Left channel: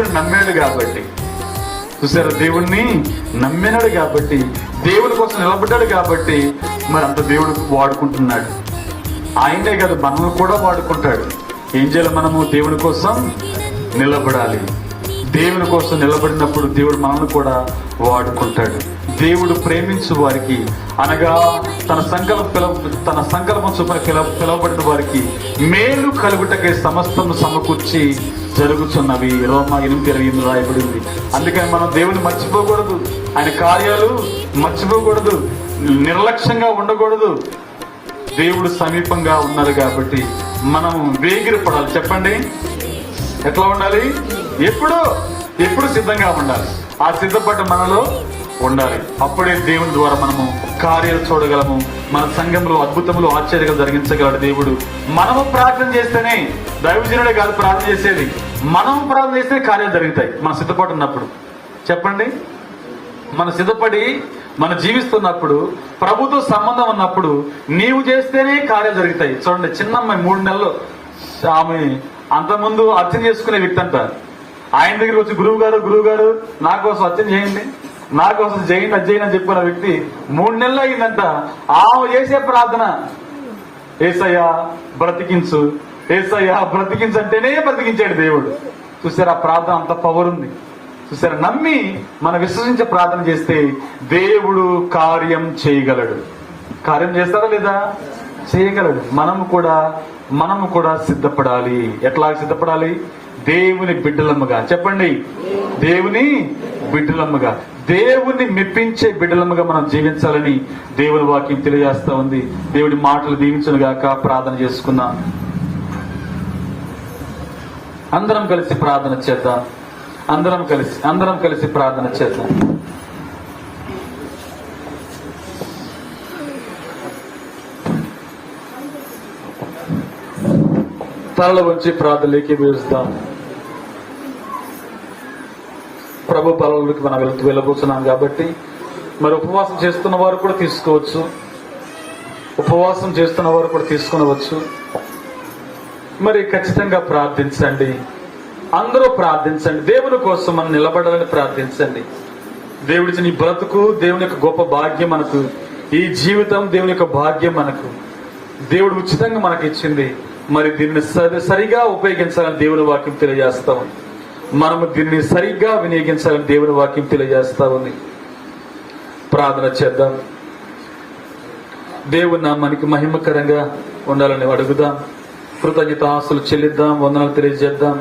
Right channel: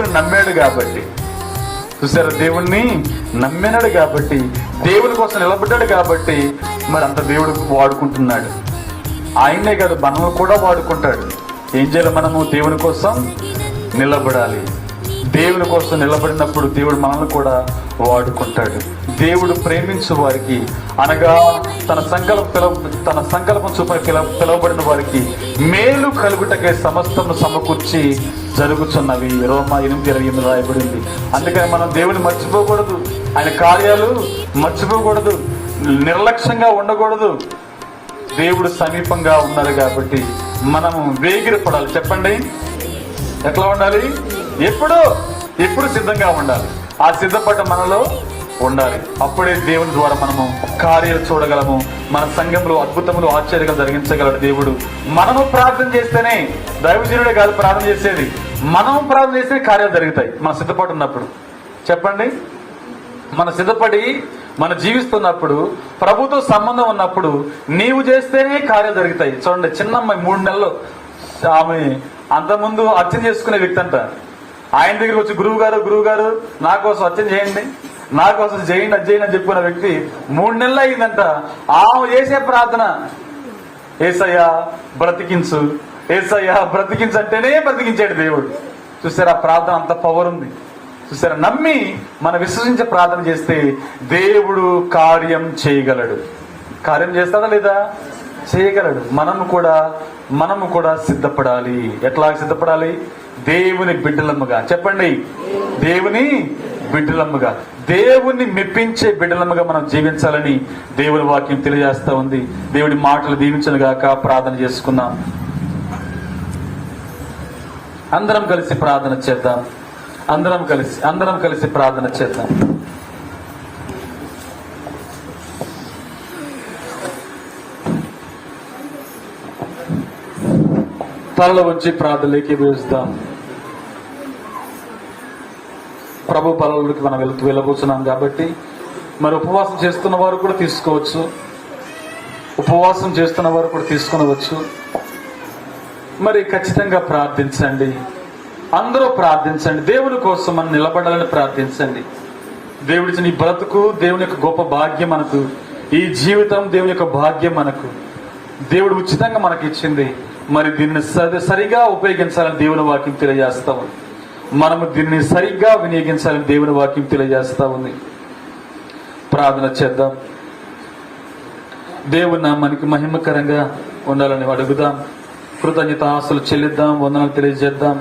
దేవుని నమ్మాడు కాబట్టి, చూసారా, దేవుణ్ణి నమ్మినాడు కాబట్టి, దేవుని కోసం నిలబడ్డాడు కాబట్టి మరి అంత దేవుడు వాడుకుంటున్నాడు. ఆయనే కదా మనము కూడా వాడుకుంటాడు. ఏం చేయాలి? మనము దేవుని కోసం నిలబడాలి. దేవుని కోసం నిలబడినప్పుడు దేవుడు మనల్ని కూడా వాడుకుంటాడు. దేవుడు ప్రేమించే వారికి, అనగా తన సంకల్పం చొప్పున పిలవబడిన వారికి మేలు కలుగుటకై సమస్తము సమకూర్చి జరుగుతున్నవి. రోమా 8:20 రాయబడింది. అందుకని మనం దేవుని మర్చిపోకూడదు, ఆయన కార్యాలు మర్చిపోకూడదు, నిర్లక్ష్యంగా ఉండకూడదు. దేవుడు సమీపంగా ఉన్నారు కాబట్టి మనం వేగిరపడాలి. చెప్పండి, ఎట్లా ఉండాలి? ఎప్పుడు సిద్ధంగా ఉండాలి. ఆ సిద్ధపడ్డ మనలో ఉండాలి. అప్పుడే దేవుని ద్వారా మనము కార్యాలు చూడగలము. మన సంఘంలో అద్భుతములు, ఆశ్చర్యంగా జరిగించగలడు దేవుడు. మనము ప్రార్థన చేస్తేనే, దైవజనుడే కాదు ప్రార్థన చేసేది, మనము ప్రార్థన చేస్తే కార్యాలు జరుగుతాయి. మనం సిద్ధపడి ఉన్నప్పుడు. చెప్పండి, మనం సిద్ధపడి మనం జీవిస్తున్నప్పుడు, ప్రభుతో సంబంధం ఉన్నప్పుడు నీవు చేస్తేనే కార్యాలు జరుగుతాయి. చూడండి, చిన్నమ్మాయి 3 నెలలు, ఆమె అంతకుముందు అర్చన చేసుకునే వ్యక్తి అంట. ఆయన దగ్గర వచ్చి గురువు గారు నా కోసం అర్చన చేయండి, నా కోసం చేయండి, అది చేయండి అని చెప్పుకున్న వ్యక్తి 3 నెలలు అయిందంట. ఆమె చేసే ప్రార్థన, యేసయ్యా బ్రతికించు, యేసయ్యా బ్రతికించు అంటేనే బ్రతికించాడు దేవుడు. చూసారా, ప్రార్థన అంత పవర్ ఉంది. చూసారా, నమ్మి మనం విశ్వసించే ప్రార్థన చేస్తే దేవుడు కార్యం చేయగలడు. కార్యం చేస్తాడా లేదా? చేయగలడు. మనము కూడా సిద్ధపడాలి. ఎట్లా సిద్ధపడాలి? దేవుని బిడ్డలముగా. చెప్పండి, దేవుని బిడ్డలముగా, దేవుని మెప్పించే బిడ్డలముగా మనం జీవించాలని దేవుని వాక్యం తెలియజేస్తా ఉంది. దేవుడి మాటలు దీవించను గాక. ప్రార్థన చేసుకుందాం. అందరం కలిసి ప్రార్థన చేద్దాం. అందరం కలిసి ప్రార్థన చేద్దాం. తలలో వచ్చి ప్రార్థనలోకి వేస్తాం. ప్రభు పనులకు మనం వెళ్ళబోతున్నాం కాబట్టి మరి ఉపవాసం చేస్తున్న వారు కూడా తీసుకోవచ్చు, ఉపవాసం చేస్తున్న వారు కూడా తీసుకునవచ్చు. మరి ఖచ్చితంగా ప్రార్థించండి. అందరూ ప్రార్థించండి. దేవుని కోసం మనం నిలబడాలని ప్రార్థించండి. దేవుడిచ్చిన ఈ బ్రతుకు దేవుని యొక్క గొప్ప భాగ్యం మనకు. ఈ జీవితం దేవుని యొక్క భాగ్యం మనకు. దేవుడు ఉచితంగా మనకి ఇచ్చింది. మరి దీన్ని సరిగా ఉపయోగించాలని దేవుని వాక్యం తెలియజేస్తా ఉంది. మనము దీన్ని సరిగ్గా వినియోగించాలని దేవుని వాక్యం తెలియజేస్తా ఉంది. ప్రార్థన చేద్దాం. దేవుని నామానికి మహిమకరంగా ఉండాలని అడుగుదాం. కృతజ్ఞతాస్తులు చెల్లిద్దాం. వందనాలు తెలియజేద్దాం.